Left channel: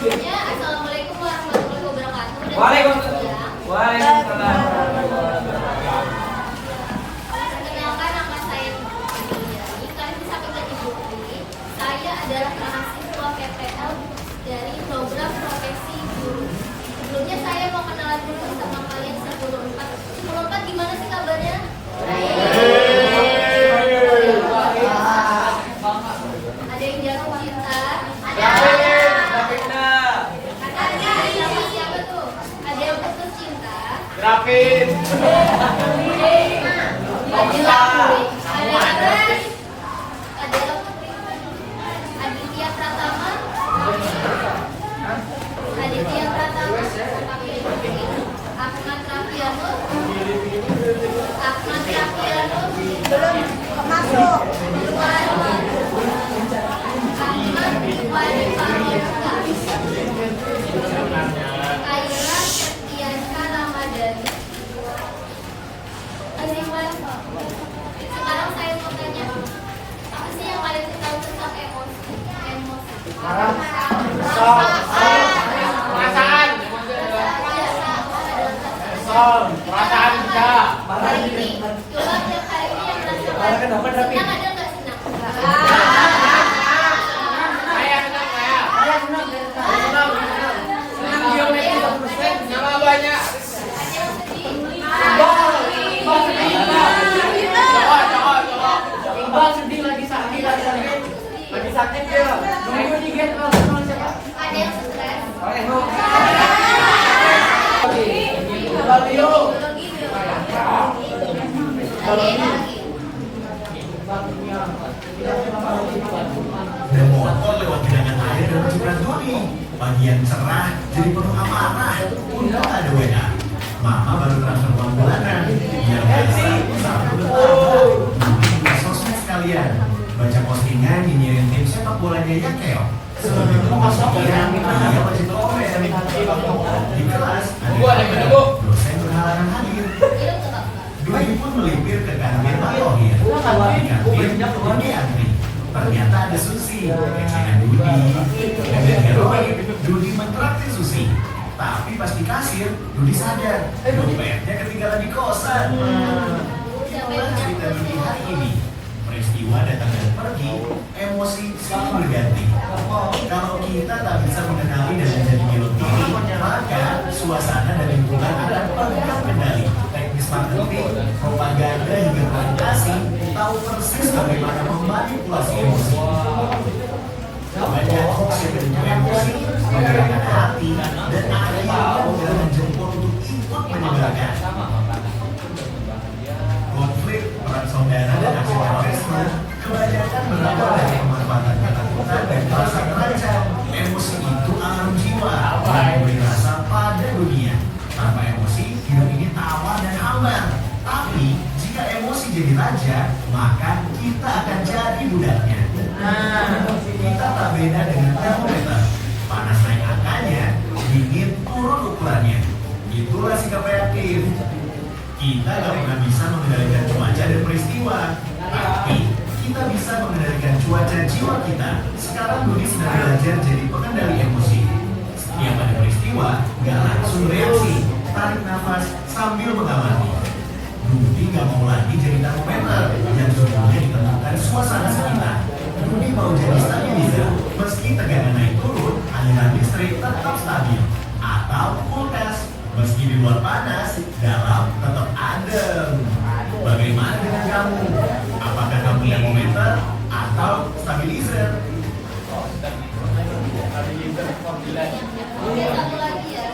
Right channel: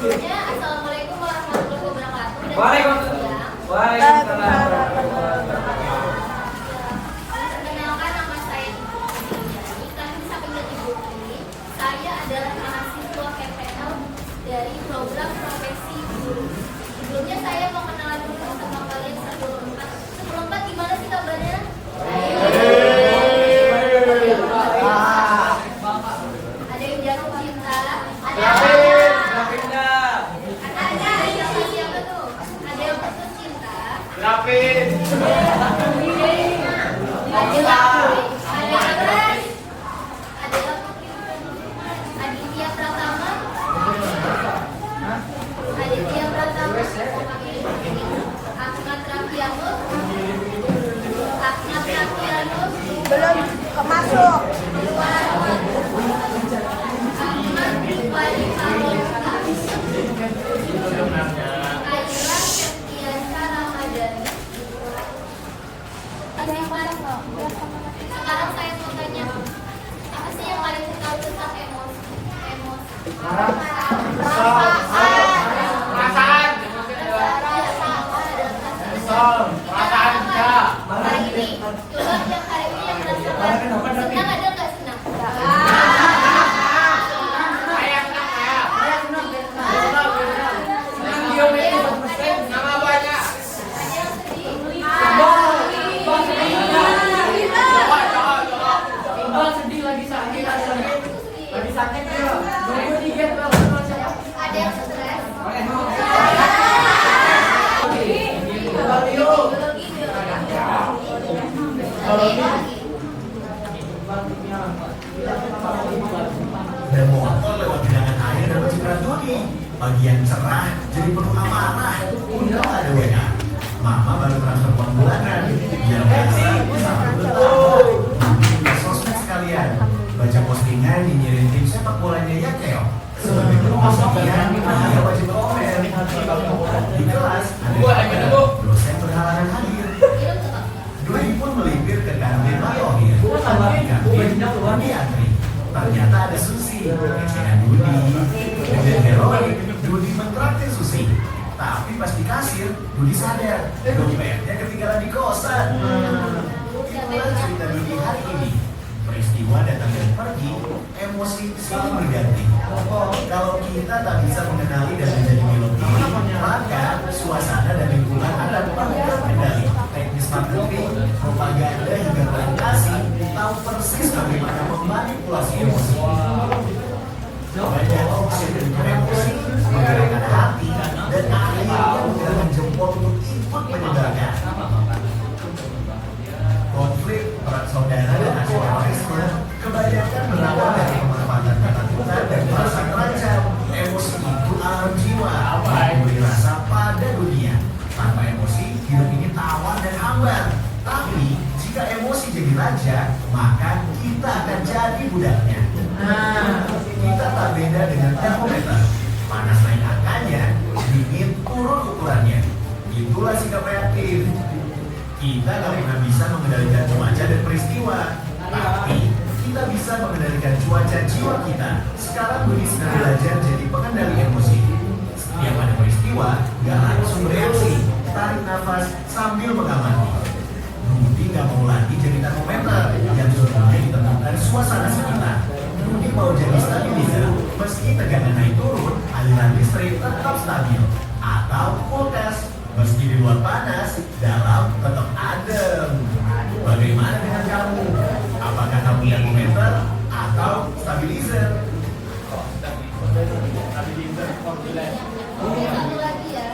Sebelumnya, Assalamualaikum warahmatullahi wabarakatuh. Waalaikumsalam. Perkenalkan, nama saya Dini. Kalian bisa panggil Ibu Tri. Saya adalah mahasiswa PPL dari program profesi guru. Sebelumnya saya mau kenalan dulu sama kalian 10-4. 10-4 gimana sih kabarnya? Ada yang jatuh cinta? Ada yang siapa tuh? Ada yang putus cinta? Rapid. Ada Aditya Pratama. Ahmad Rafiano. Belum masuk. Ahmad Wadi Paroska. Aira Septiansa Ramadhani. Sekarang saya mau tanya, apa sih yang kalian tahu tentang emosi? Hari ini, coba yang hari ini yang merasakan senang ada nggak senang? Ada yang stres? Dan motor lewat genangan air dan cipuran Doni. Bagian cerah jadi penuh amarah. Untung ada WA. Mama baru transfer uang bulanan. Biar kasih satu bertambah. Buka sosmed sekalian. Baca postingan nyinyirin tim sepak bolanya ya Keo. Sebagai pemasukian ada wajib komen. Di kelas ada dosen berhalangan hadir. Dwi pun melipir ke kantin Pak Yohir. Di kantin Doni antri. Ternyata ada Susi, kecilan Dudi. Dan heroik, Dudi mentraktir Susi. Tapi pas di kasir, Dudi sadar dompetnya ketinggalan di kosan. Itulah cerita Dudi hari ini. Peristiwa datang dan pergi, emosi selalu berganti. Kalau kita tak bisa mengenali dan menjadi melodi, maka suasana dan lingkungan akan pegang kendali. Teknis marketing, propaganda hingga komunikasi tahu persis bagaimana memanipulasi emosi. Banyak hoax yang memicu emosi, menggerakkan hati, dan akhirnya menggerakkan jempol untuk ikut menyebarkan. Konflik perang saudara dan aksi terorisme kebanyakan berawal dari pemanfaatan ketakutan dan perasaan terancam. Emosi itu alam jiwa yang memberi rasa pada dunia. Tanpa emosi, hidup ini tawar dan hambar. Tapi jika emosi jadi raja, maka kita akan jadi budaknya. Kita tak beda dengan termometer. Panas naik angkanya, dingin turun ukurannya. Itulah sikap reaktif. Kita gak pernah bisa mengendalikan cuaca dan peristiwa, tapi kita bisa mengendalikan cuaca jiwa kita. Sekarang Dudi sedang belajar jadi pengendali emosi. Setiap ada peristiwa, gak langsung reaksi, tarik nafas sambil mengamati. Dudi gak mau lagi jadi termometer yang semuanya ditentukan suasana sekitar. Dudi mau jadi stabilizer, meski tegangan naik turun, aliran listrik tetap stabil. Atau kulkas, meski di luar panas, dalam tetap adem. Bagaimana dengan kamu? Apakah kamu termometer atau stabilizer? Satu lagi ya.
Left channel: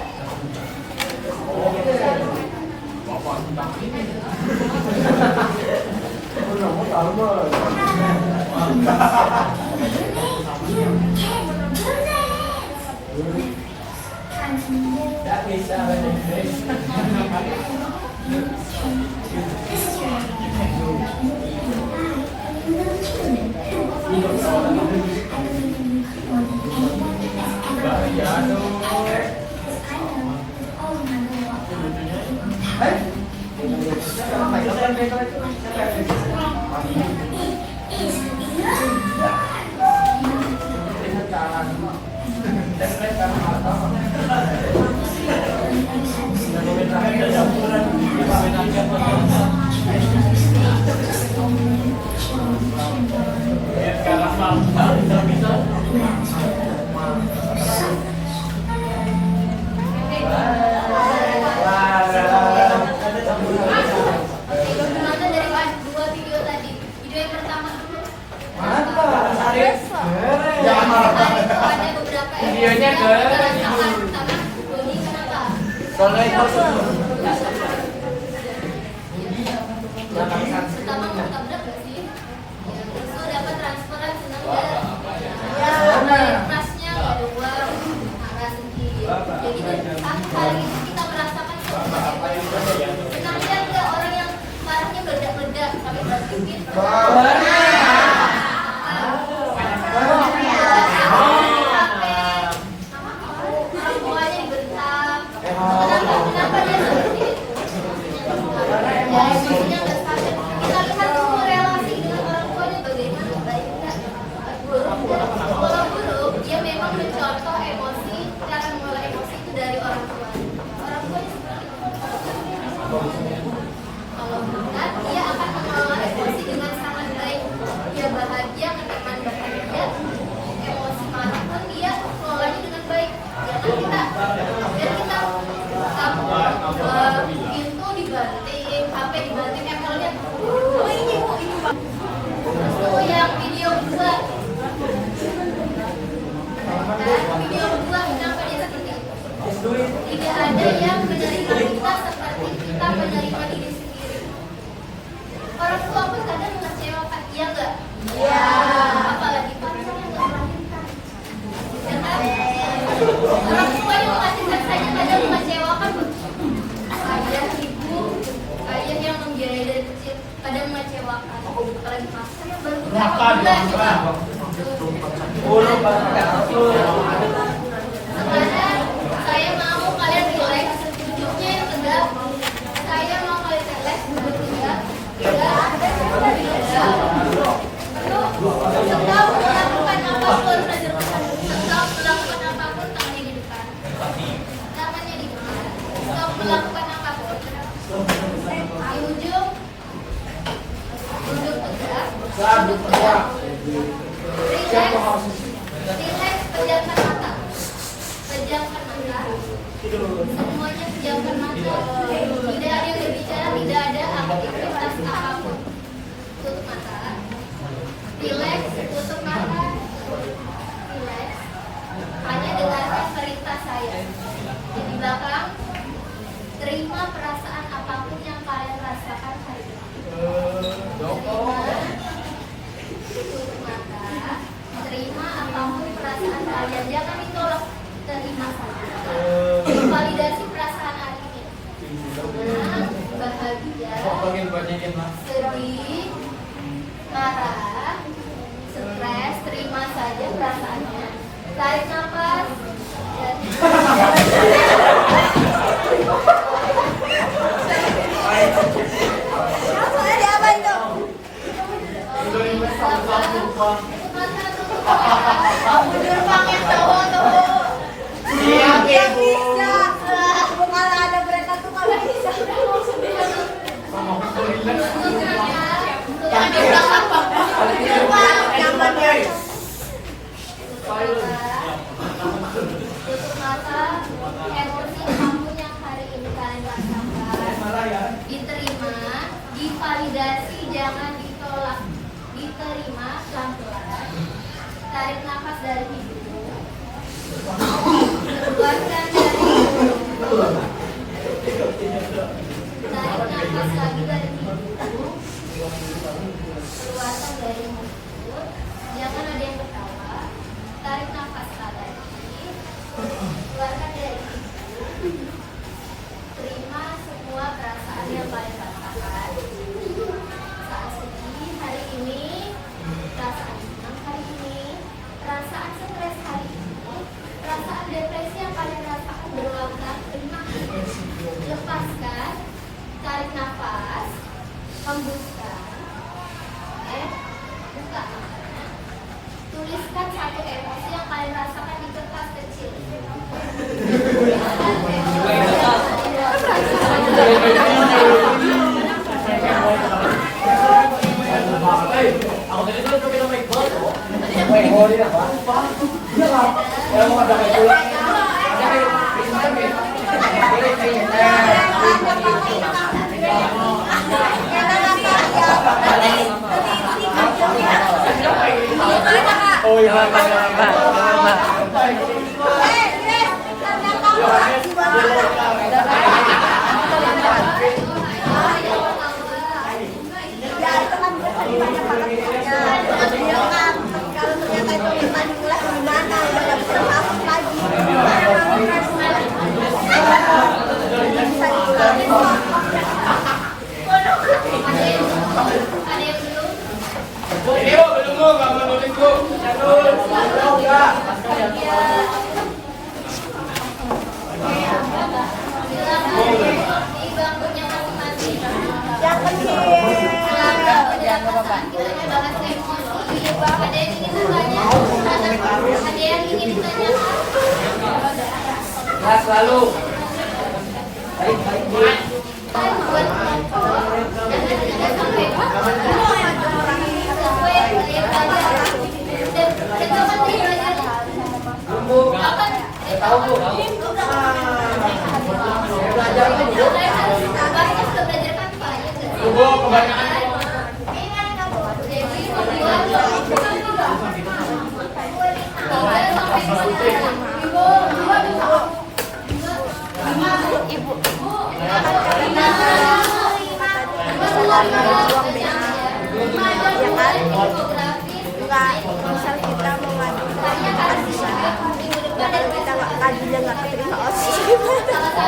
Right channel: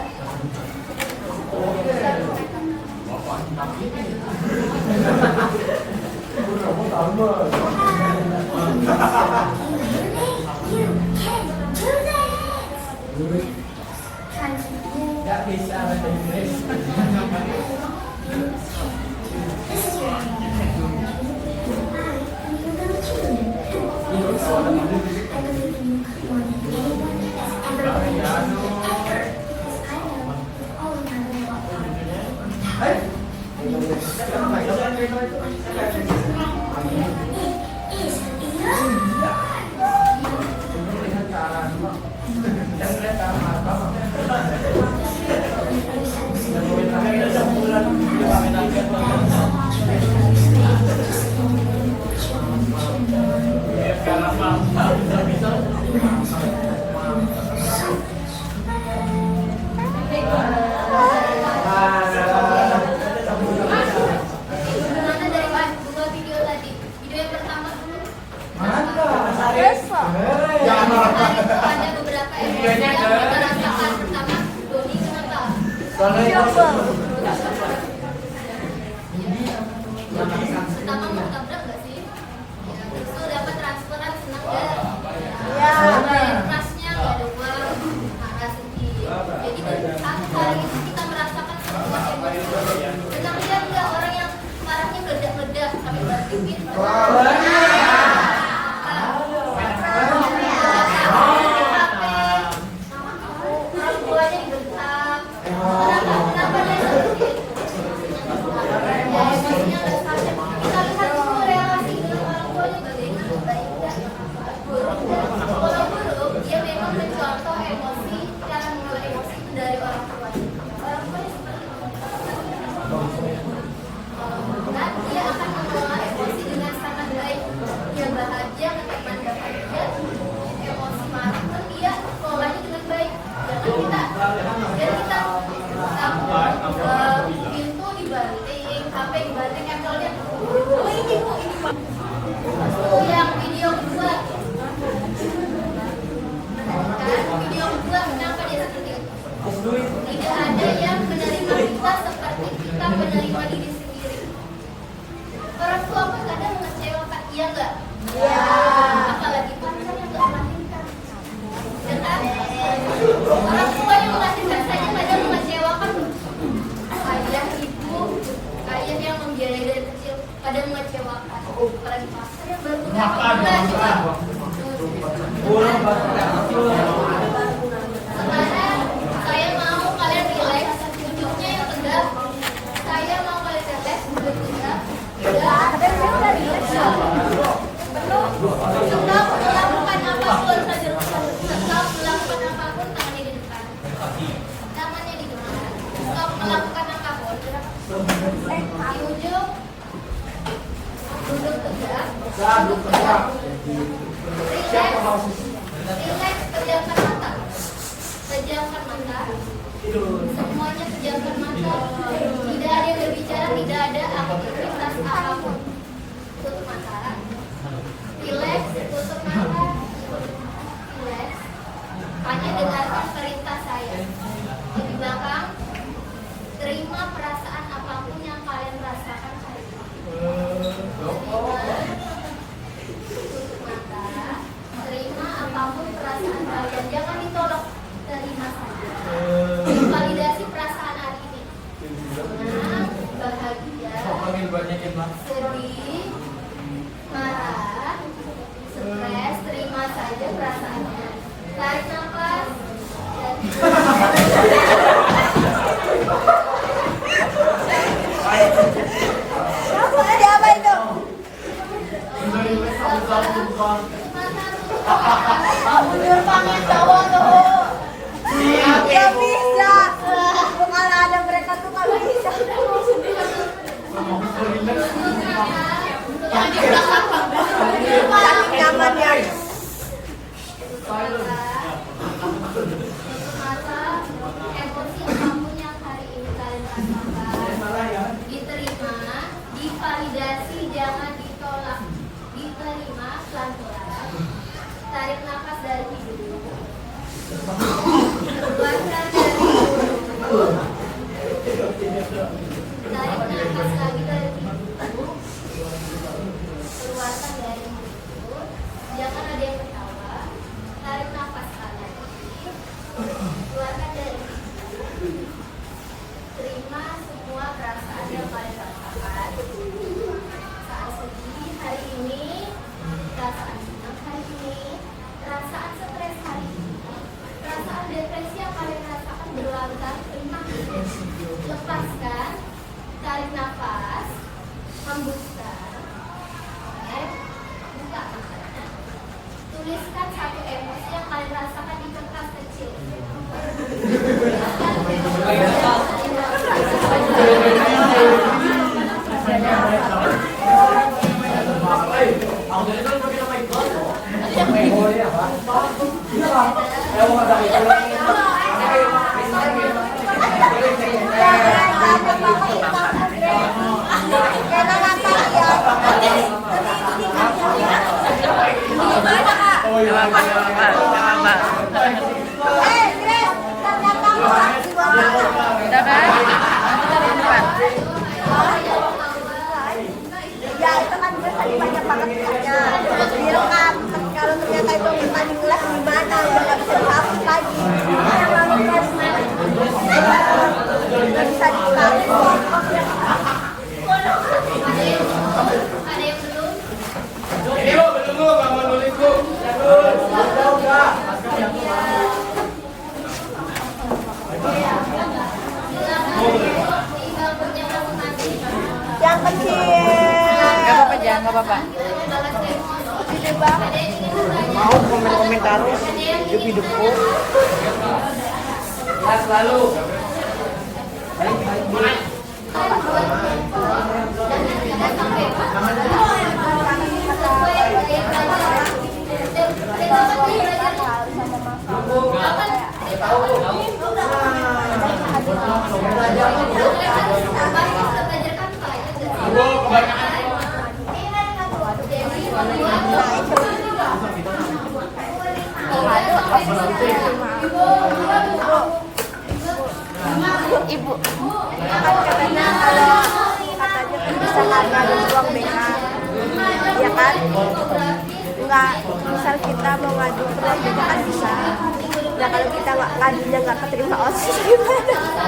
emosi yang kita rasakan sama Doni kenapa? Pertama mau tabrak nggak sih? Ya, terus lo dapat transferan senang nggak? Ya, trustnya nggak ada uang, marah sedih. Jadi dari satu hari itu kita merasakan semua emosi. Pernah lihat nggak orang yang marahnya meledak-meledak sampai berpikir? Semuanya dibentak. Kenapa dia seperti itu? Ya, emosinya nggak stabil. Kita lihat dulu relasi dengan orang tuanya bagaimana, baik nggak? Buruk nggak? Kalau buruk, dia memang mencontoh emosi, cara mengelola emosi itu dari orang tua. Orang tuanya seperti itu. Kalau enggak, dia akan mengelola emosi dengan sangat baik. Dia bahagia, teman bahagia, emosi marah pun dia kelolanya dengan baik. Jangan kita pintu dibanting, HP dibanting, Apple-nya. Oh ini bu, ini pak. Itu yang video kedua. Kan video kedua kenapa dia seperti itu? Tidak ada yang menerima kita seperti kita menerima diri sendiri. Orang tua pun kadang mengecewakan, iya nggak? Ya. Apalagi pacar yang nggak melahirkan. Ya kan? Orang tua yang melahirkan saja kadang mengecewakan. Ayah, ibu, ayah yang membiayai dari kecil kadang mengecewakan. Apalagi pacar yang baru beberapa bulan juga. Sekarang saya mau kalian relax, duduknya yang tegak. Saya mau kalian relax, duduk tegak. Stop melakukan apapun. Stop melakukan apapun, tangannya di depan. Tangannya di depan. Stop melakukan apapun. Di ujung, duduk tegak. Duduk tegak. Relax, pejamkan mata. Pejamkan mata. Semuanya pejamkan mata. Tidak ada yang berbicara, tidak ada aktivitas apapun. Tutup mata. Relax, tutup mata. Relax. Hanya dengarkan perintah saya. Di belakang, terima perasaan apapun yang kalian rasakan hari ini. Terima. Tutup mata. Terima apapun perasaan kalian. Jangan ditolak. Terima saja. Validasi perasaan hari ini. Senang, bahagia, sedih, marah, stres. Terima saja perasaannya. Tarik nafas. Diterima, divalidasi, jangan ditolak. Diterima pelan-pelan. Tarik nafas dari hidung. Keluarkan dari mulut. Tarik nafas lagi dari hidung. Keluarkan dari mulut. Jangan ada yang ketawa. Tarik nafas lagi. Keluarkan dari hidung. Terima semua perasaan yang kalian rasakan. Saat sedih hari ini, perasaan senang hari ini, perasaan stres hari ini, perasaan depresi yang kalian rasakan berulang-ulang. Terima. Lepaskan, tarik nafas, hembuskan. Buka matanya. Tuliskan satu emosi yang kalian rasakan di kertas kecil. Udah kan? Kita lihat. Ada yang belum? Ini bu, belum nggak mau nulis bu. Gak apa-apa, jangan gak apa-apa. Ada yang ingin bertanya? Ada yang ingin bertanya? Ya selalu. Kan buat kelompok dan nanti ada sampai sesuai gaya belajar. Dan kapan dia belajarnya? Kapan? Tahu? Kemarin sudah belajar Canva ya? Bu, kebanyakan. Dewi membuat 3 sampai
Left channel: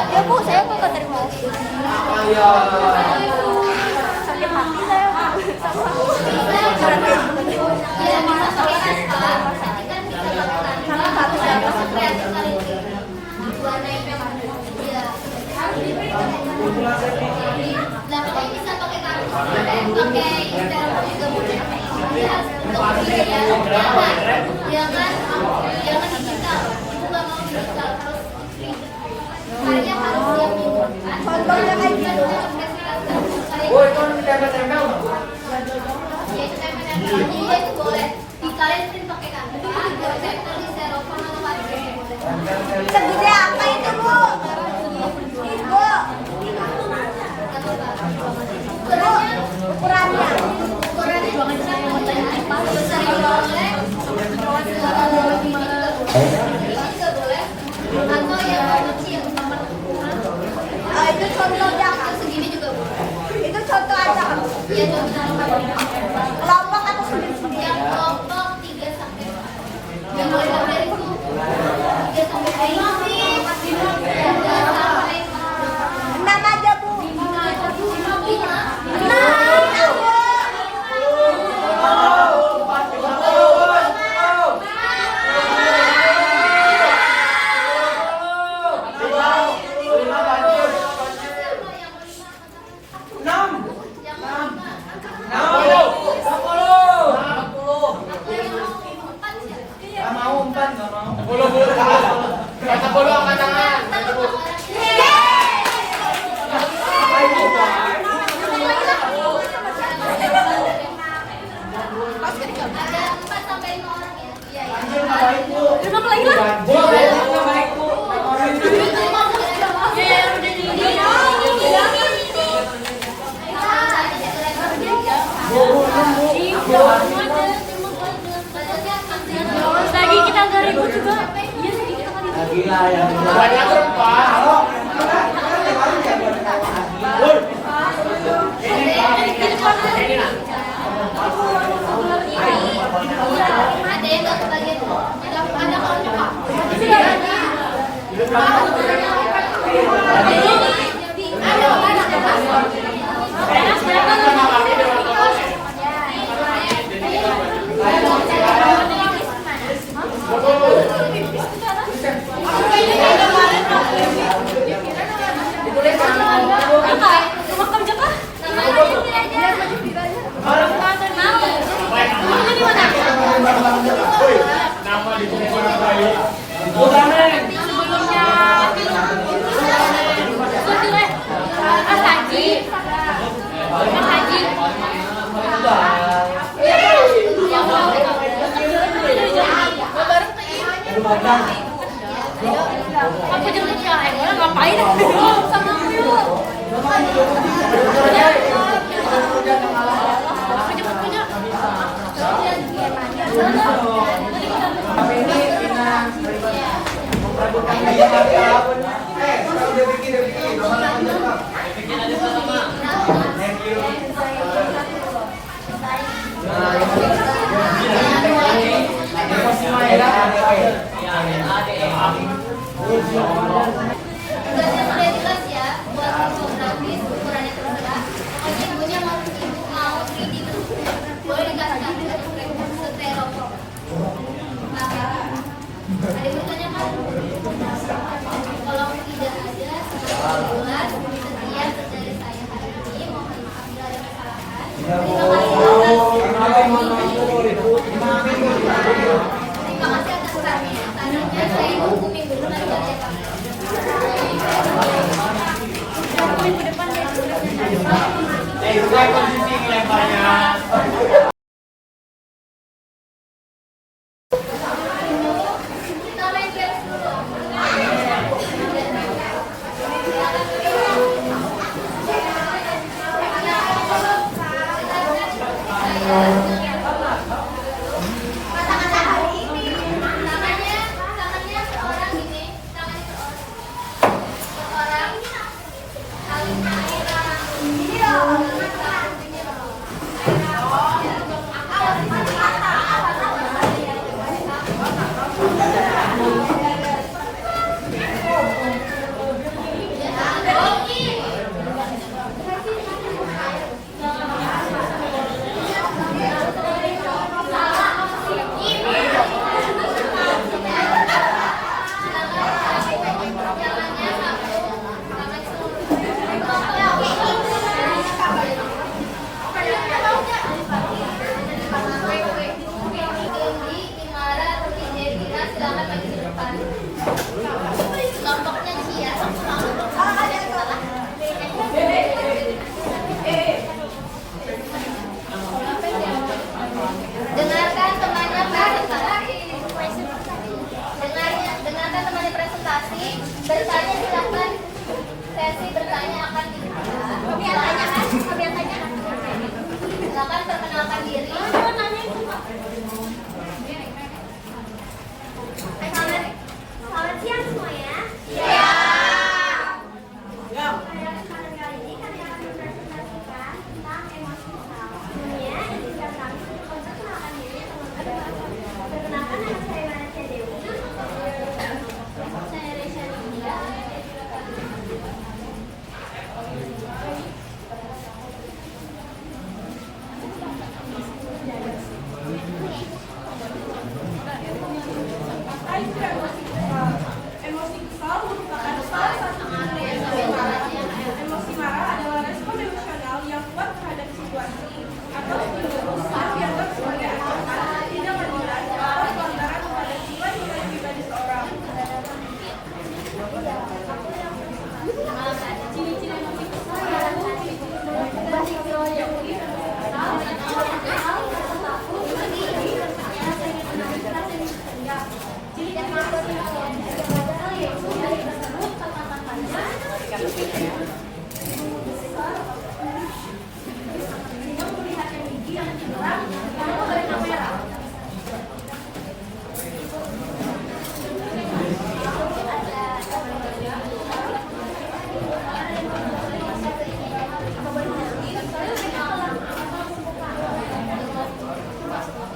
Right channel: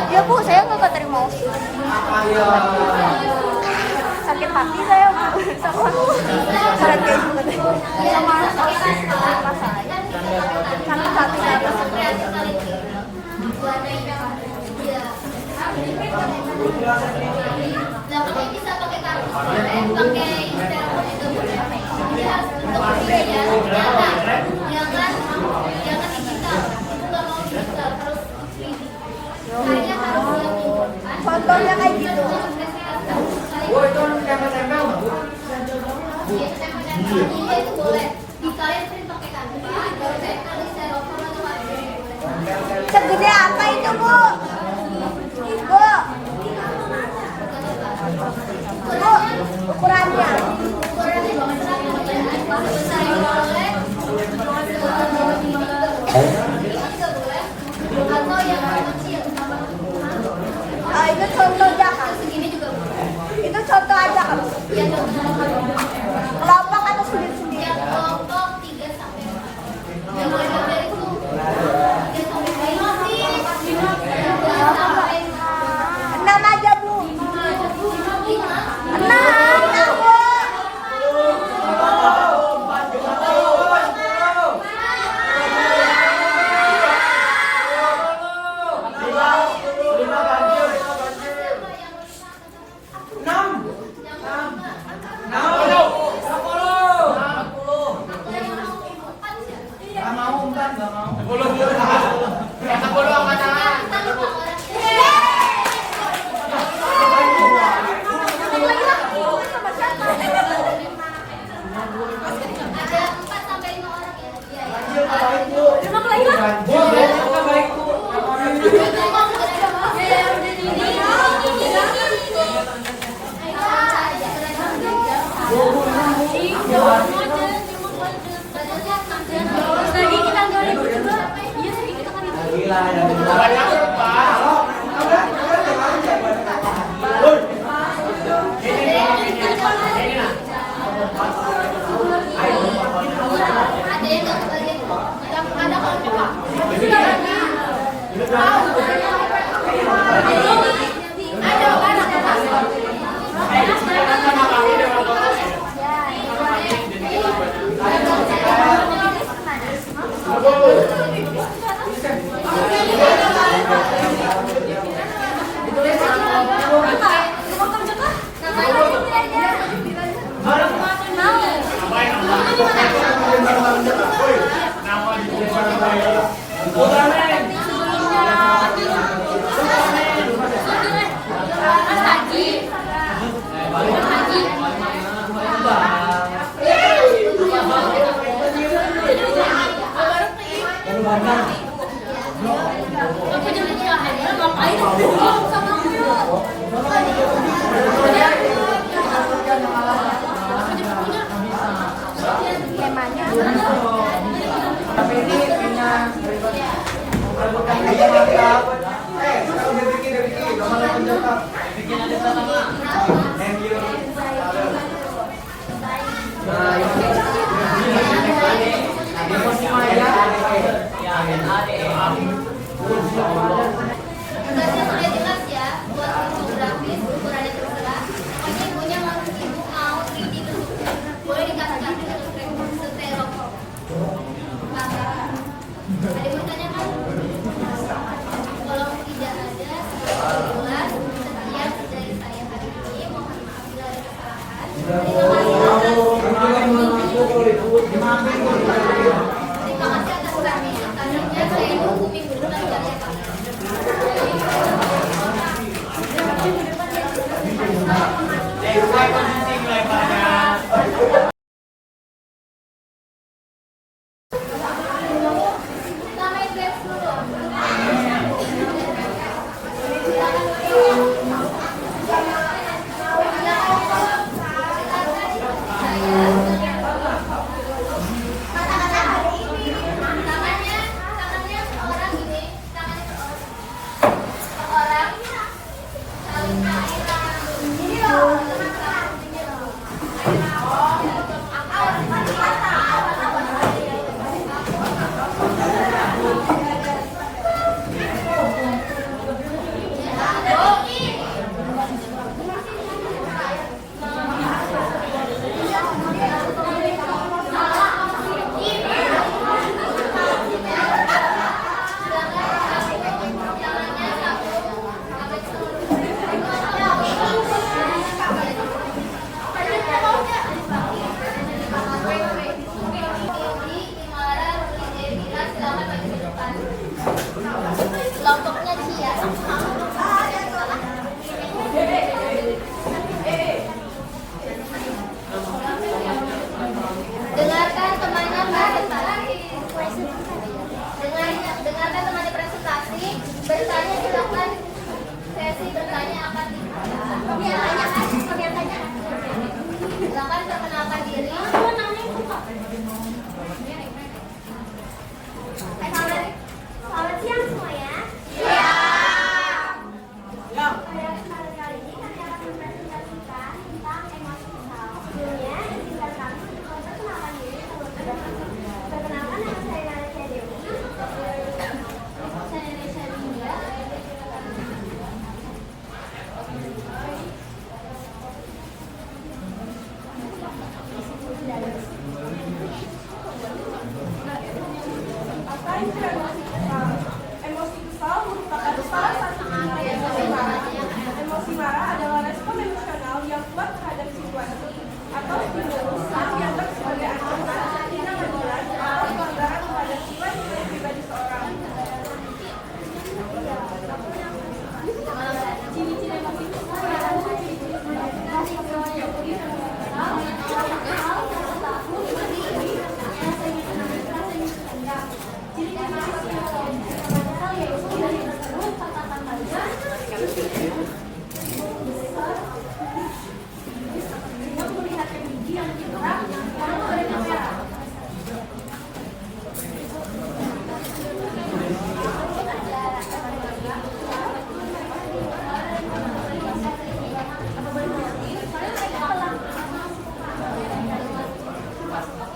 Ya bu, saya tuh gak terima. Sakit hati saya. Ya bisa pakai Canva, kan bisa pakai Canva, tapi saya masuk kreatif kali ini. Warnain ya. Nah, makanya bisa pakai kartu boleh, pakai styrofoam juga boleh. Jadi harus bentuk ini ya. Jangan digital. Ibu nggak mau digital, harus 3D. Karya harus yang ini kan. Contohnya kayak gitu. Iya itu boleh. Di kalian sering pakai Canva, ada vektor di styrofoam atau kartu boleh. Segede apa itu bu? Ibu. Ukurannya. Ukurannya juga besar ini boleh. Ini juga boleh. Atau yang kecil. Itu contoh yang Segini juga boleh. itu contoh aja. Iya contoh. Kelompok kan sendiri. Yang kelompok 3 sampai 4. Yang mulai dari itu 3 sampai 6 aja bu. 10 bu. Yang 10 angkat tangan. Ada 4 sampai 5 orang ya. Iya ya. Duduk lagi lah. Lagi kita agak ribut juga. Iya lagi kita kan ribut. Banyak Pak. Ada yang nggak kebagian. Ada kelompok Pak. Itu udah berarti. Aku jadi ngapain? Sama aku yuk. Tugasnya sudah jelas ya, buat infografis, ukurannya terserah. Pokoknya ibunya mau 3D bentuknya. Boleh dikasih styrofoam. Ada yang bertanya kan? Kalau tidak ada, sekian dari saya hari ini. Mohon maaf bila ada kesalahan. Terima kasih atas kami. Tadinya saya nunggu minggu depan ya Pak. Kelompoknya Cia. Dengarkan temannya presentasi. Dengarkan temannya presentasi. Bertanya silakan. Sesi bertanya akan dibuka. Silakan perkenalkan diri. Selamat siang semuanya. Iya. Pada kesempatan kali ini kami akan mempresentasikan tentang emosi kesal. Sebelumnya, izinkan kami untuk memperkenalkan diri terlebih dahulu. Perkenalkan, nama saya Malaysia Dewi. Saya Risha India. Apa itu emosi kesal? Emosi kesal merupakan salah satu tindakan emosi marah. Emosi marah adalah respon emosional yang kuat terhadap situasi atau stimulus yang dianggap sebagai ancaman, tidak keadilan, atau pelanggaran terhadap jiwa-jiwa pribadi seorang. Ciri-ciri emosi kesal adalah ciri-ciri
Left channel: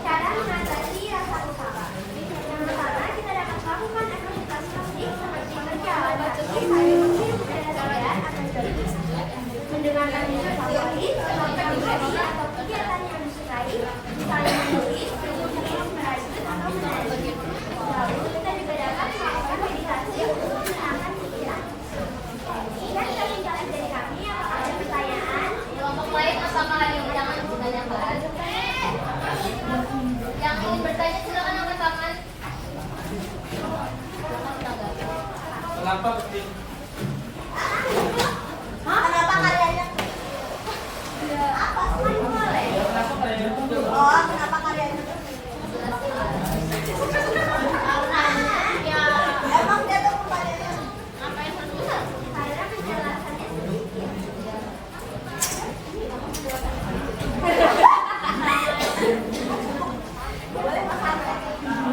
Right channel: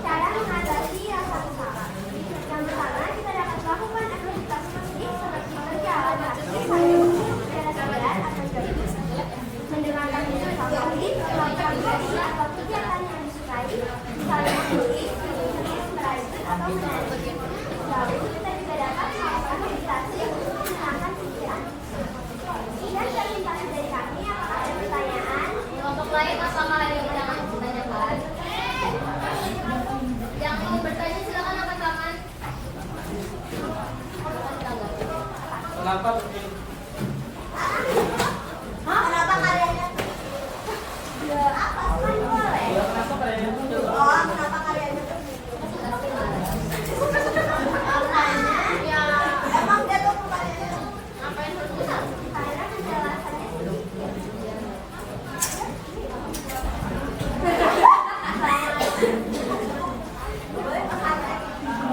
Cara mengatasi rasa kesal. Yang pertama, kita dapat melakukan aktivitas fisik seperti berjalan kaki sambil menghirup udara segar atau jogging, mendengarkan musik favorit, melakukan hobi atau kegiatan yang disukai, misalnya menulis, melukis, merajut, atau menari. Lalu, kita juga dapat melakukan meditasi untuk menenangkan pikiran. Sekian presentasi dari kami. Apakah ada pertanyaan? Kelompok lain apakah ada yang ditanyakan? Yang ingin bertanya silakan angkat tangan. Kenapa penting? Kenapa kalian? Apa? Semuanya boleh. Oh, kenapa kalian? Emang dia tuh bukannya? Karena penjelasannya sedikit.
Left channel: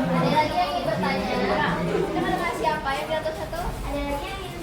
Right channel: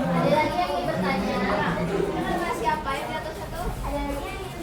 Ada lagi yang ingin bertanya? Siapa yang di atas itu? Ada lagi yang ingin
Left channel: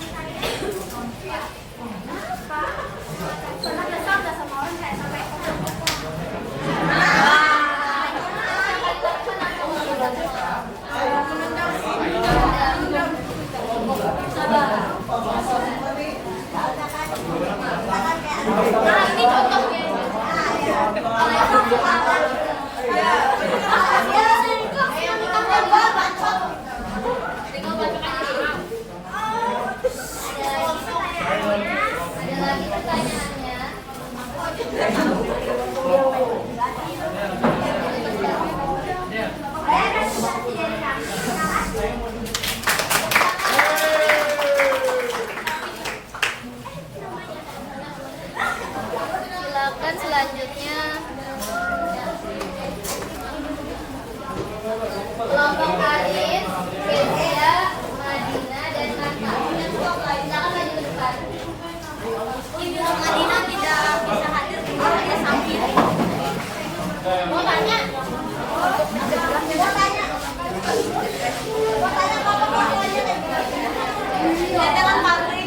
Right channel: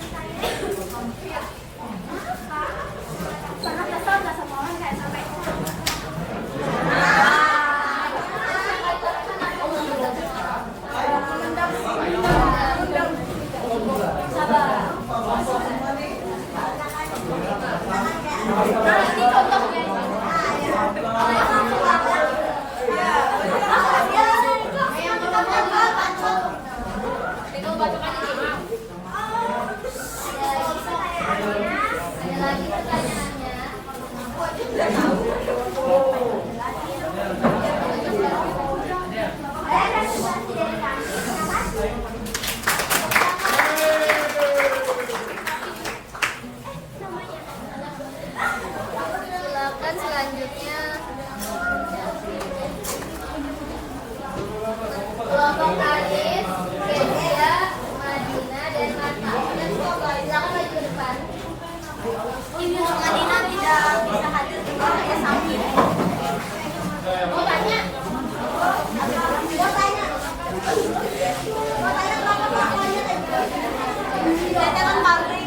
Tetelan pabrik.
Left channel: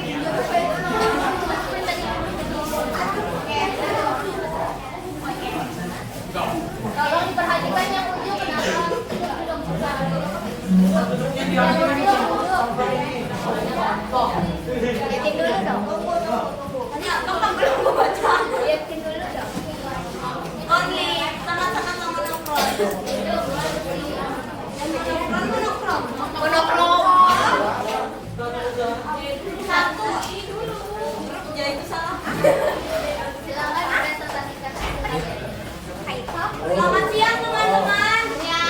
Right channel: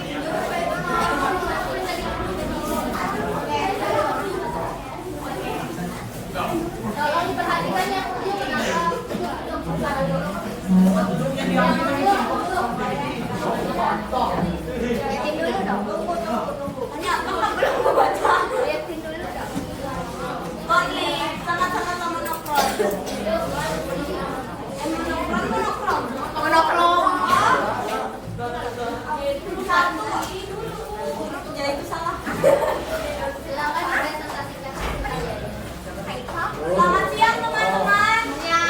Kalau diperhatikan yang udah kenapa liatin dulu dong. Hanya kamu belum membaca. Liatin dulu dong. Oke, sama-sama monokrom. Monokrom. Satu. Jadi itu salah. Silakan presentasikan. Selamat siang teman-teman. Ya.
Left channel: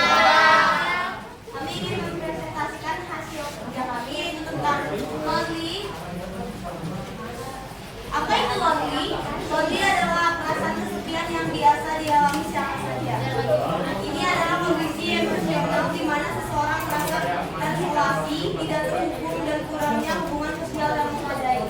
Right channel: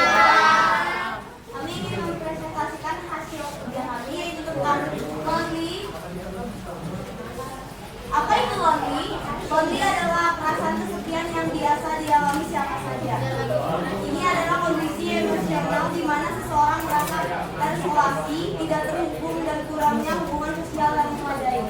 Kami ingin mempresentasikan hasil kerja kami yaitu tentang lonely. Apa itu lonely? Lonely adalah perasaan kesepian yang biasa dialami siapa saja. Ini adalah kondisi emosional di mana seseorang merasa terisolasi, tidak terhubung dan kurangnya hubungan sosial yang memadai.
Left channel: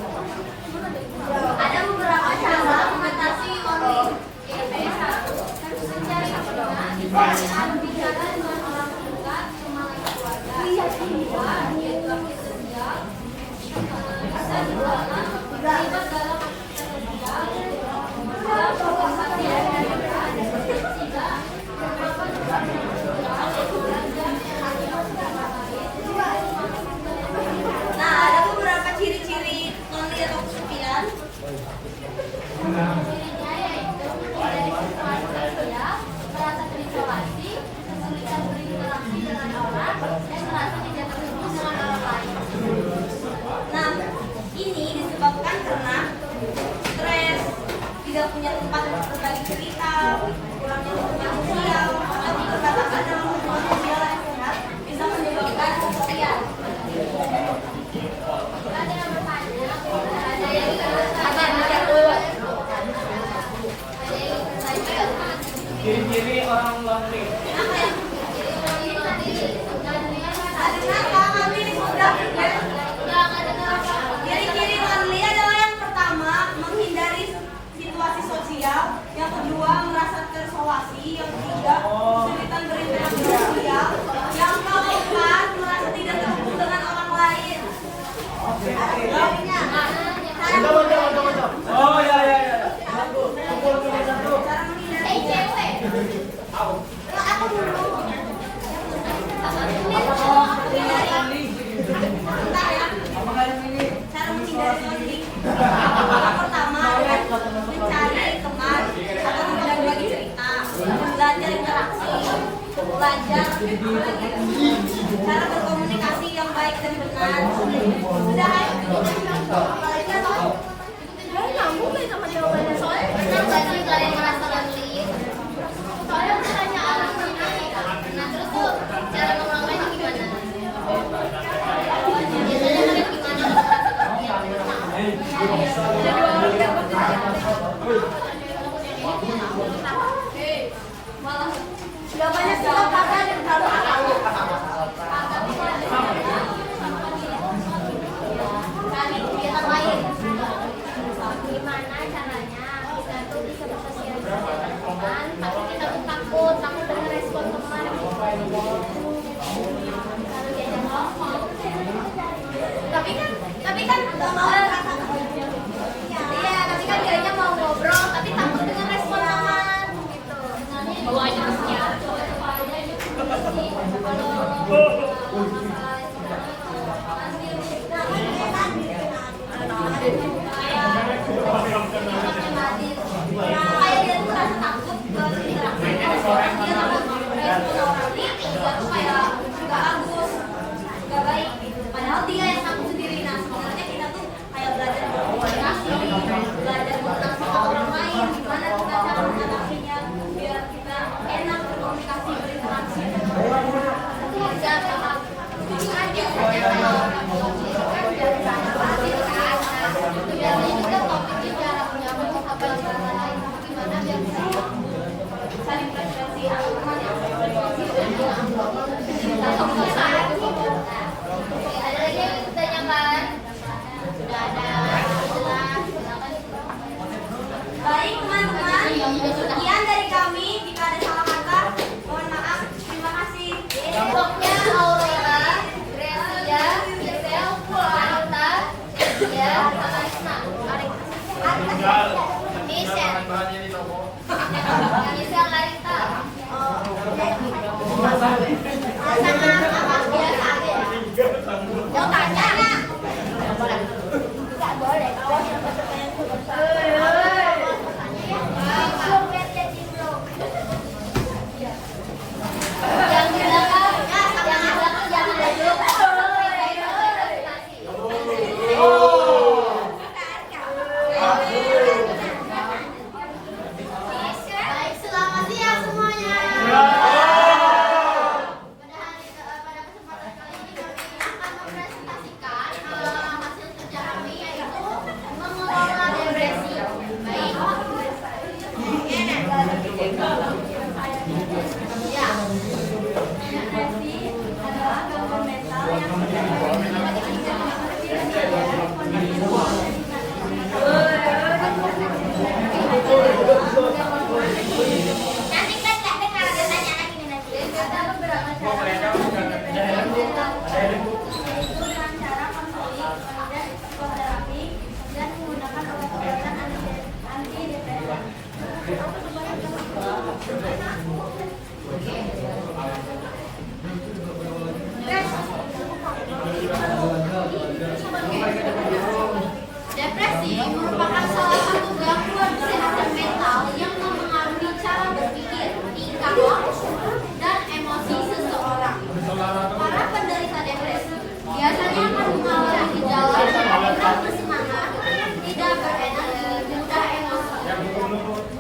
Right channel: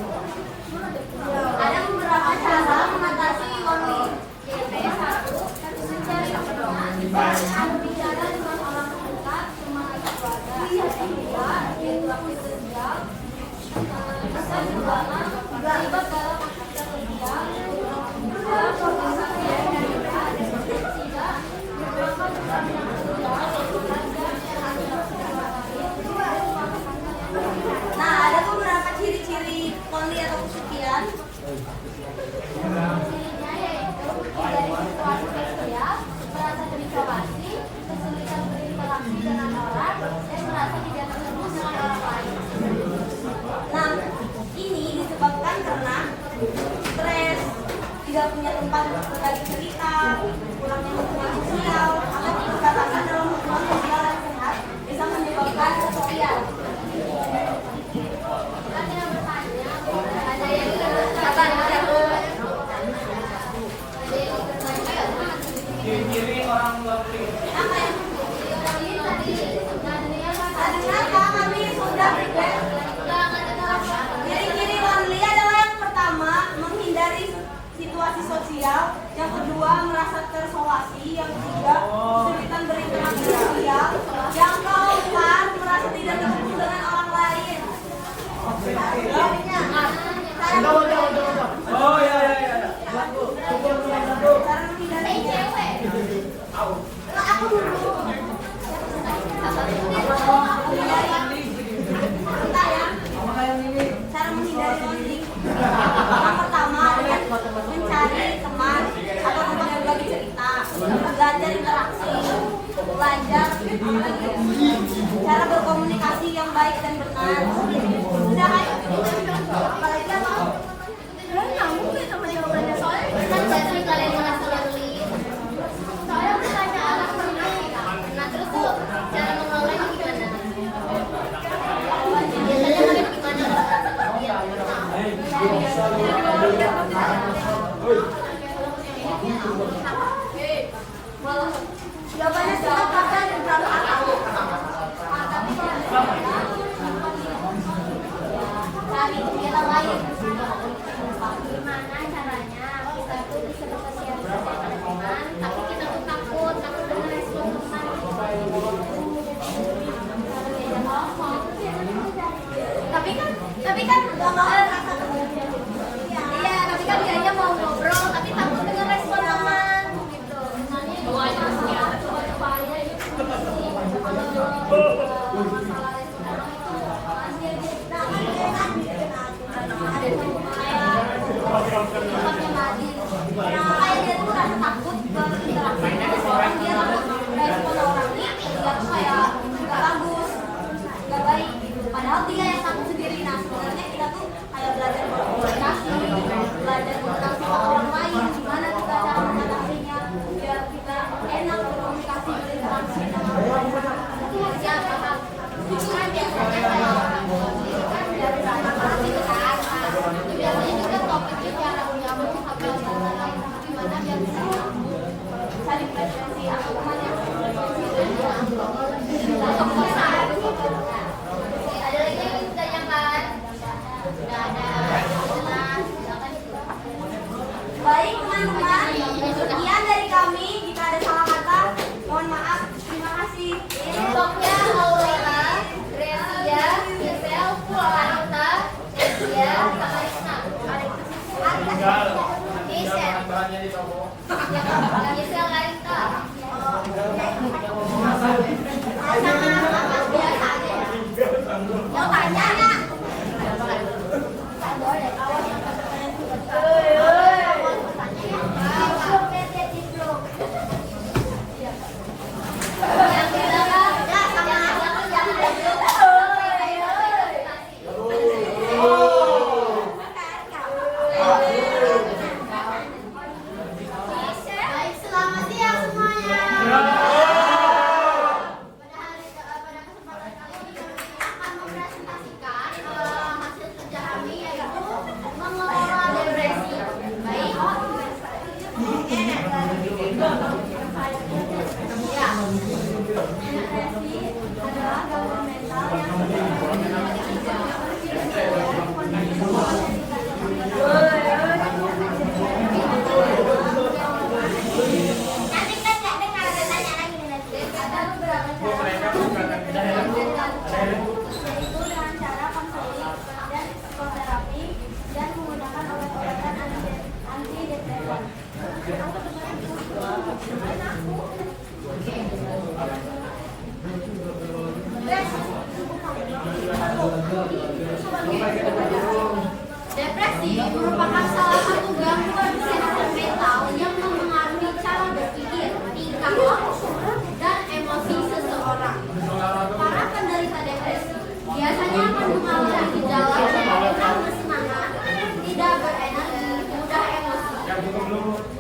Ada beberapa cara mengatasi lonely. Yaitu satu, mencari teman, berbicara dengan orang terdekat, teman atau keluarga. Kedua, yaitu aktif sosial. Bisa juga terlibat dalam aktivitas sosial. Kedua, organisasi yang berkaitan. Ketiga, merupakan peran yang sosial, mengajar Nah, ada beberapa ciri-ciri lonely atau kesepian. Cirinya yaitu dari situasi sosial, merasa terisolasi, kesulitan berinteraksi dengan orang, dan merasa tidak terhubung dengan orang lain. Nah, ini disebabkan karena stres, tidak punya tempat untuk berbagi cerita, kurangnya hubungan sosial, atau dikatakan dalam hubungan sosial yang sehat bisa menyebabkan kesepian. Ada yang bertanya, ada yang apa Ciri-ciri orang lonely. apa ya? Kenapa kami sudah ciri-ciri lonely adalah yang pertama menghindari situasi sosial, yang kedua merasa terisolasi, yang ketiga kesulitan berinteraksi sosial, yang keempat merasa tidak terhubung dengan orang lain. Oh ya. Cara menghindari aku dulu. Bentar ya. Cara menghindari lonely. Yang pertama adalah mencari teman atau tempat berbagi cerita, belajar interaksi, belajar cara berkomunikasi yang baik dan benar. Sudah kan? Apalagi apa? Kamu sama jawabannya soalnya benar gak sih kalian merasa lonely? Soalnya bertanya anak pernah nih kak. Nah terus tuh cara mengelolanya gimana? Biasanya kalian gimana kalau merasa kesepian? Jawabannya sudah kakak dan kamu tahu. Cari kegiatan lain. Gimana caranya kita tuh bisa bersosialisasi dengan teman, tapi kita tuh takut dengan respon teman. Kalau dia ngomong, tapi kan iya, tapi kan dianya mau ngobrol, tapi takut dengan respon teman. Kayak dia tuh merasa takut berinteraksi dengan orang, dia takut respon orang ini dia tuh kayak gak bagus, gak baik gitu. Padahal dia yang takut sendiri. Nah sebenarnya kita tuh kayak belajar berkomunikasi, belajar mengenal sifat orang lain, gimana kita cara mengatasinya biar kita enak berkomunikasi, berinteraksi dengan orang lain. Bisa kan biasanya kalau orang tua itu kan biar banyak pasti kan. Itu biasanya juga topiknya cara menyambung satu sama lain. Gimana biar bisa saling preferensi atau teman yang preferensi atau kebiasaan gitu. Ada lagi yang ditanyakan? Sudah ada, jelas. Baik teman-teman, sekian dari kami. Jika ada salah kata, mohon maaf. Terima kasih. Ini blognya Aurora, Gracia, Giselle, Sarita, Yang isi yang lain tuh. Mau tanya nggak? Nggak boleh. Yang bilang ya sama aja jangan Baik, selamat siang semuanya. Pada kesempatan kali ini kami akan mempresentasikan hasil kerja kami yaitu mengelola depresi. Baik. Ya. Depresi adalah gangguan mental yang Nanti kan nggak dengar ada tanya lagi nih nanti. ada beberapa cara mengatasi depresi yang bisa dilakukan, yaitu dengan cara konseling dan psikoterapi dan menggunakan obat-obatan antidepresan. Depresi merupakan salah satu gangguan kesehatan mental yang mempengaruhi cara berpikir, tingkah laku, dan emosi seseorang. Para penderita depresi biasanya akan mengalami gejala seperti kurang bersemangat, tidak berenergi, mudah emosi,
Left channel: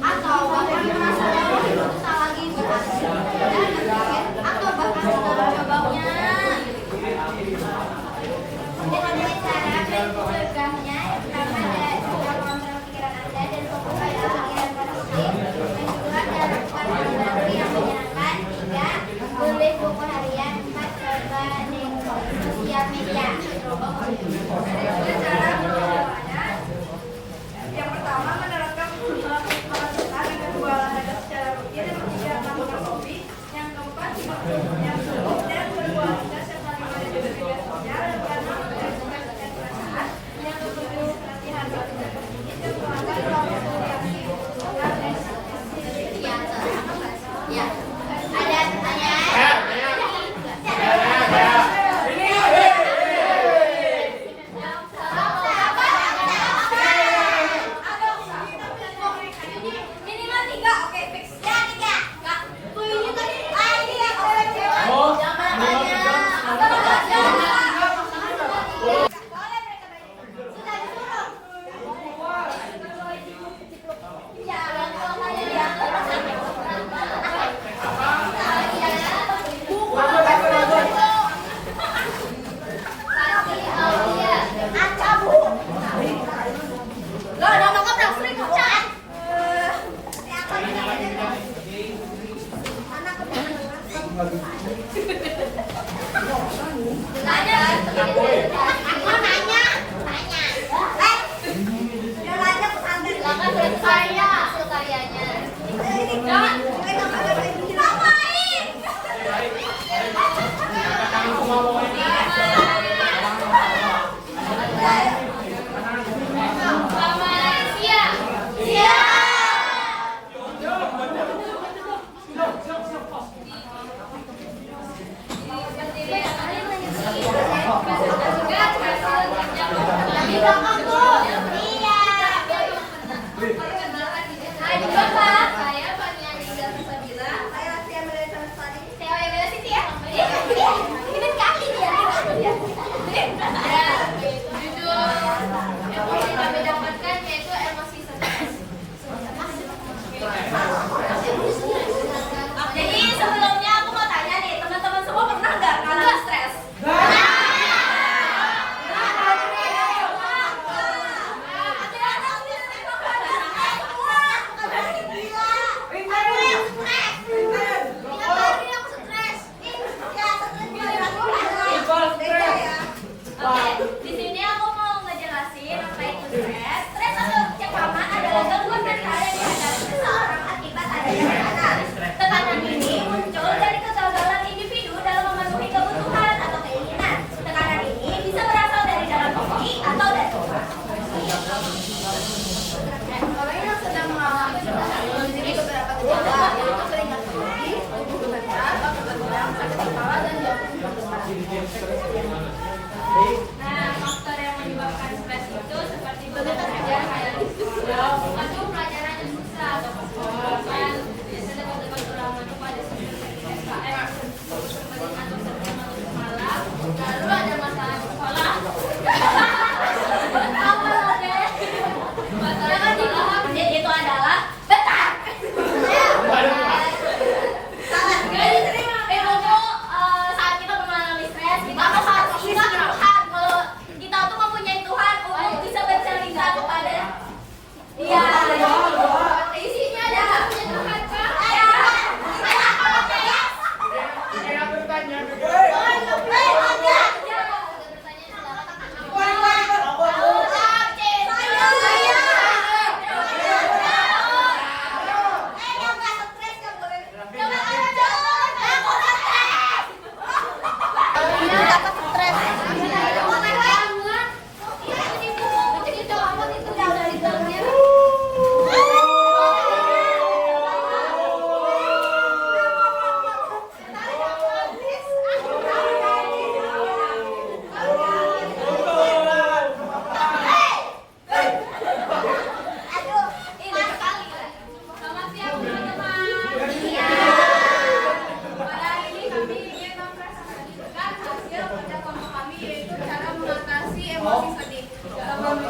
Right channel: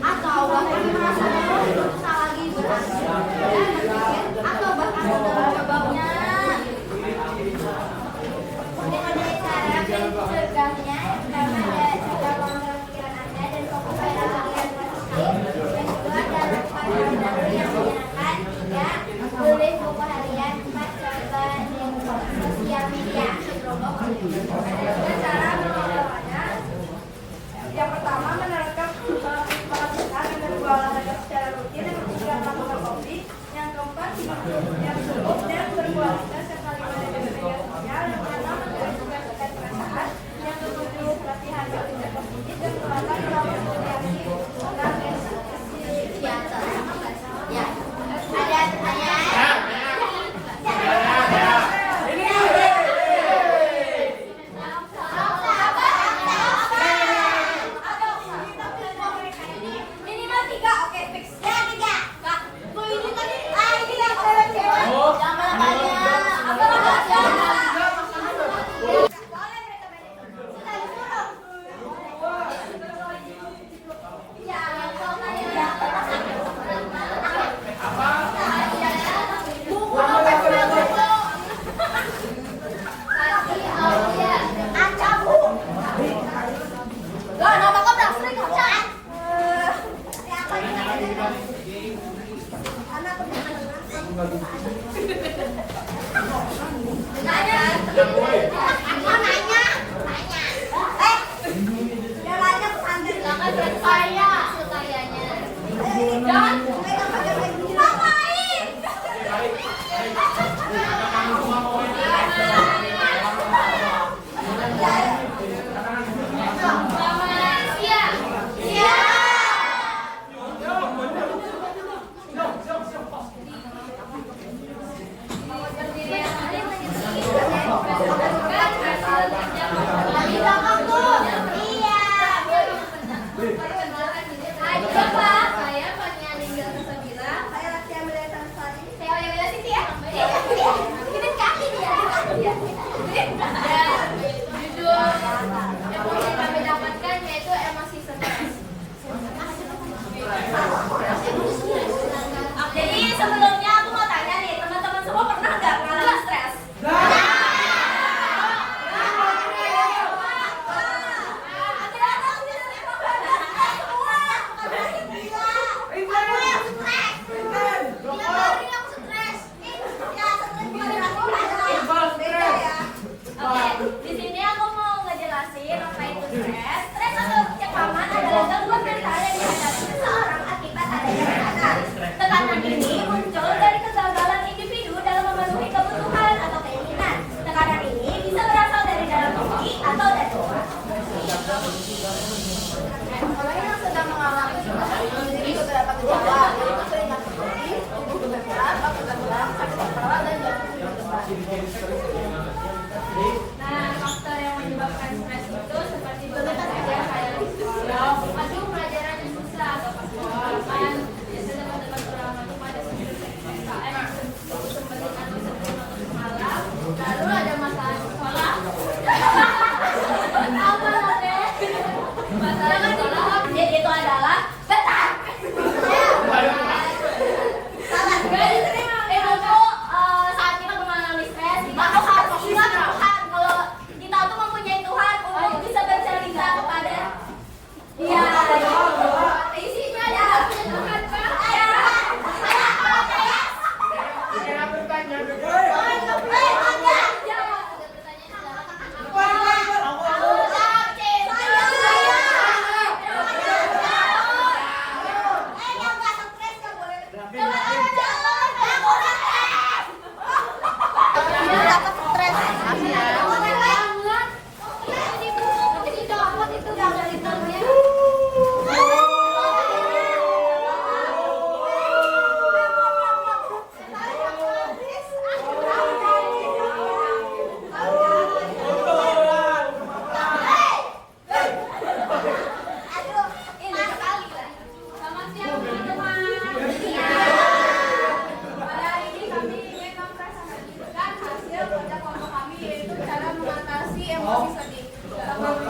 atau bahkan merasa bahwa hidup tak lagi berarti dan berpikir atau bahkan sudah mencobanya. Dengan cara mencegahnya, yang pertama ada coba kontrol pikiran Anda dan fokus pada pikiran positif. Yang kedua adalah lakukan hal baru yang menyenangkan. Tiga, tulis buku harian. Empat, coba sosial media. Ada cara mengelolanya. Yang pertama menerapkan pola sehat dan kedua olahraga secara rutin. Yang ketiga melakukan hobi. Yang keempat hidup yang sehat dan berkualitas serta lima dari media sosial. Yang keenam mengekspresikan perasaan. Yang ketujuh latihan bekerja positif dan kelapan melakukan komunikasi Ya, ya. Ada pertanyaan? Minimal 3, oke fix. Ya 3. Kak, ini tadi. Jangan tanya. Sudah disuruh. Loh, nama kau berapa sering kerjaan? Nanya. Silakan lihat saya hasil karyanya. Selamat siang. Berdiri kali presentasikan hasil kerja kami. Perkenalkan diri saya. Pak, saya Fania Linda Sabila. Saya latihan berdaya sama sekali. Saya Bella Siti ya. Ini kaki dia. Dan judul emosi yang kami dapatkan yaitu emosi stres. Jadi sebelumnya aku mau tanya nih, teman-teman semua pernah nggak ngalamin stres? Oke, di sini aku mau ngejelasin apa itu stres. Stres atau cekaman adalah gangguan mental yang dihadapi seseorang akibat adanya tekanan. Tekanan ini muncul dari kegagalan individu dalam memenuhi kebutuhan atau keinginan. Tekanan ini bisa berasal dari dalam diri atau dari luar. Orang yang sedang mengalami depresi memiliki beberapa bergejala yaitu keringat berlebih, tubuh gemetar, batuk berkurang, sakit kepala dan jantung berdebar. Nah, faktor yang menyebabkan stres itu seperti bekerja kayak aduh pelajaran yang susah atau kan biasanya teman-teman terlama cuma ada SKM sempet atau sebelum atau semalam lalu ada masalah di sekolah apa lagi masalah di sekolah itu adalah betar salah guys itu saat kita mengalami stres kita harus ingat Tuhan kalau kita tuh mempunyai Tuhan untuk bisa bercerita kepada Dia. Isinya ada Tuhan Pak.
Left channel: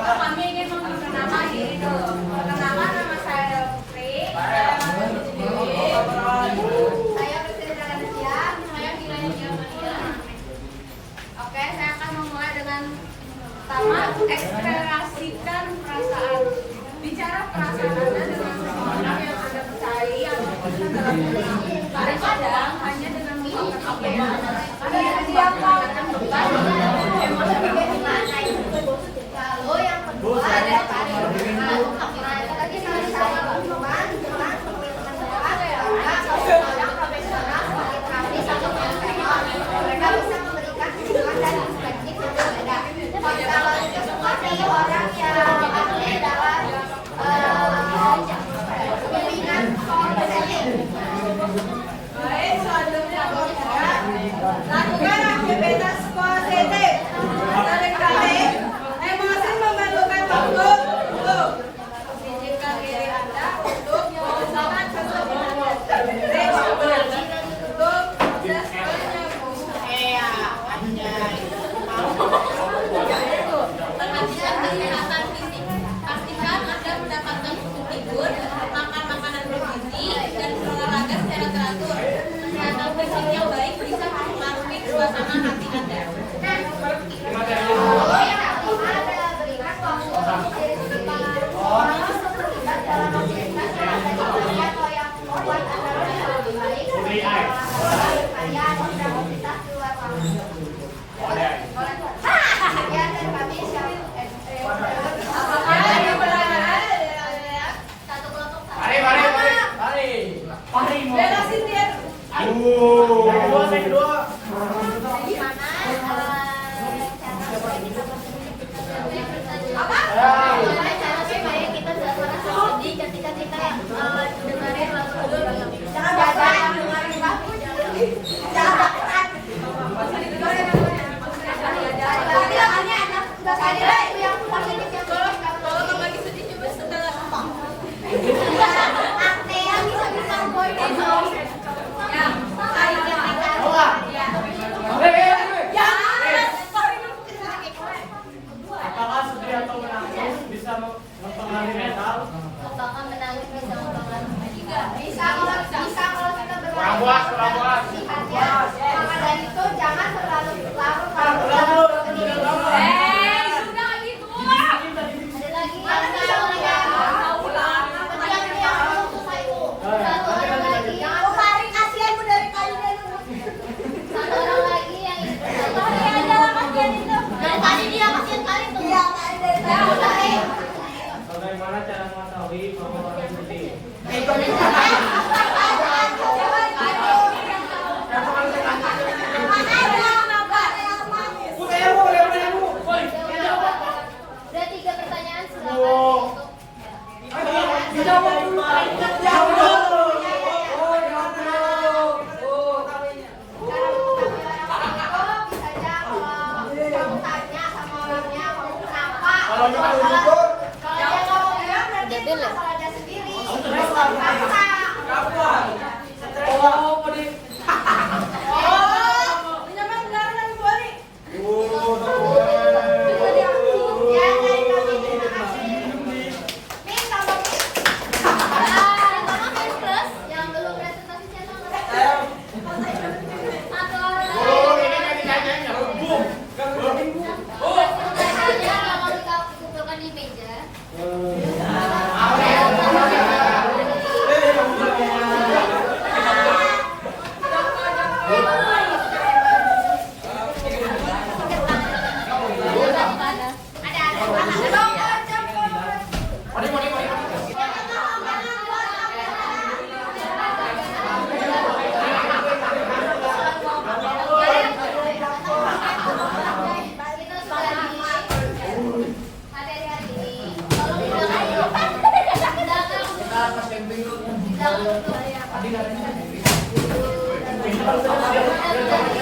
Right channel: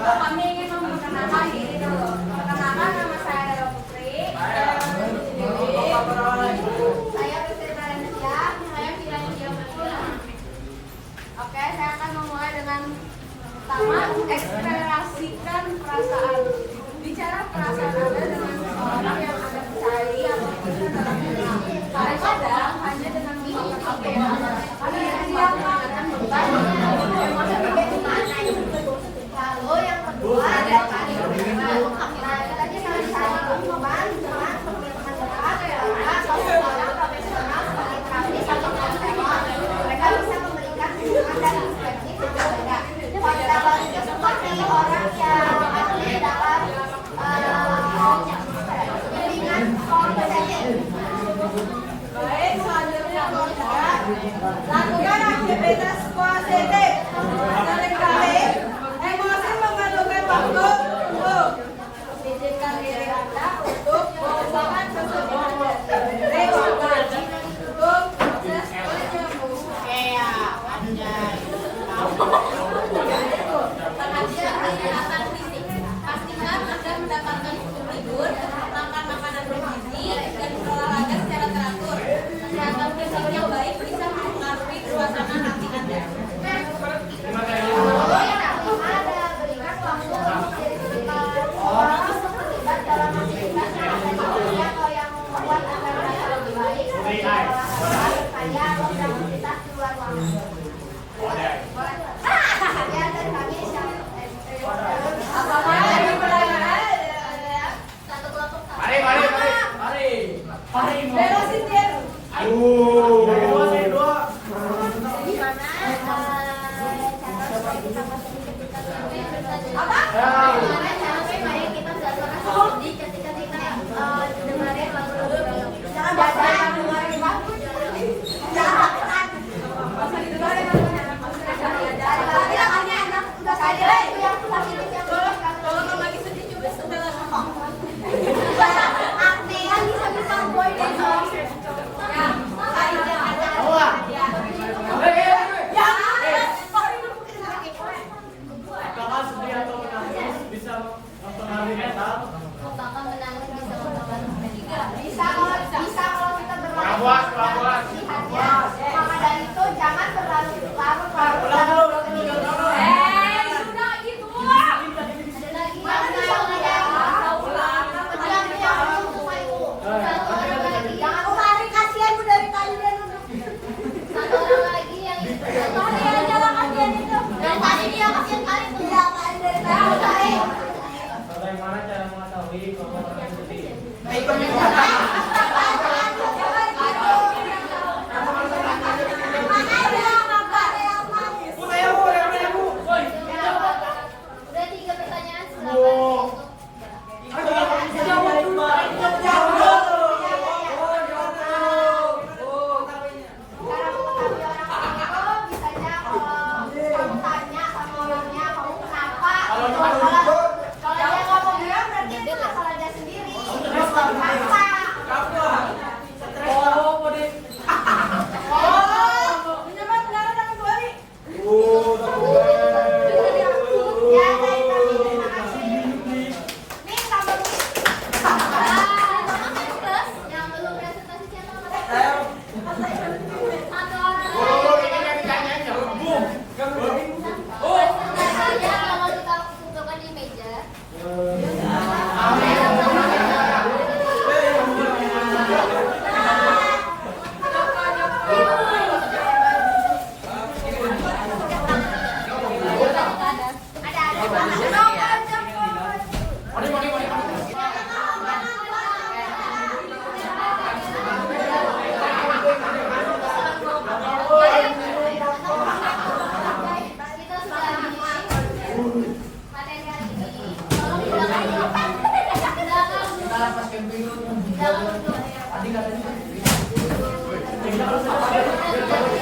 Kami ingin memperkenalkan diri dulu. Perkenalkan nama saya adalah Putri. Saya Priscilla Nadia. Saya Vina Yulia. Oke, saya akan memulai dengan pertama ekspresikan perasaan. Bicara perasaan Anda dengan seseorang yang Anda percayai atau bisa dalam kenal. Kadang-kadang hanya dengan mengungkapkan apa yang Anda rasakan bukan emosi berbeda. Lalu yang kedua ada kearifan. Nah, kita bisa saling teman-teman dekat atau seorang profesional seperti terapis atau konselor. Mereka bisa memberikan dukungan dan perspektif yang berbeda. Konselor itu seperti orang yang ahli dalam jaringan konseling. Baik, selanjutnya lakukan aktivitas positif. Seringkali emosi memerlukan waktu untuk izinkan diri Anda untuk mengusahakan kesedihan untuk proses perhatikan kesehatan fisik. Pastikan Anda mendapatkan cukup tidur, makan makanan bergizi, dan berolahraga secara teratur. Kesehatan fisik yang baik bisa mempengaruhi suasana hati Anda. Lalu yang kelima ada berikan waktu untuk diri sendiri. Orang terlibat dalam aktivitas yang Anda sukai atau yang membuat Anda merasa lebih baik seperti olahraga, berkarya, atau beraktivitas di luar ruangan. Sekian dari kami. Apakah ada pertanyaan? Satu kelompok Beresin dia. apa? Cara supaya kita tidak merasa sedih ketika kita dengerin lagu-lagu yang Jangan baca yang dengerin bagus. Jangan tekan. Sekali lagi yang positif yang kalau kamu lagi sedih coba sedang apa? Artean bisa boy dan Ya, Apakah sedih atau menangis bisa mempengaruhi mental? apakah menangis bisa mempengaruhi bisa kalau kita bermain lihatnya. Maka dari itu jangan larut-larut dalam berkedip. sudah gitu. Ada lagi mana bisa ulang? Satu orang lagi. Jangan lari kasihan bu dari tadi dan satu orang lagi yang itu. Nah, tadi dia kasihan kali tuh. Iya, dari tadi. Bagaimana cara mengetahui bahwa bapak sedih? Udah 3 pertanyaan silakan. Ya, Kalau dia nggak mau bilang berarti itu masalah dia sendiri. Paksa. Menyamar benaran yang kedua nih. Ya, dari kami terima kasih. Nih, tambah nih. Tolong plus yang belum presentasi siapa? Satu orang. Presentasinya kalau kita kumpulkan di meja. Kita sudah di materi hari ini. Tolong belakang duduk.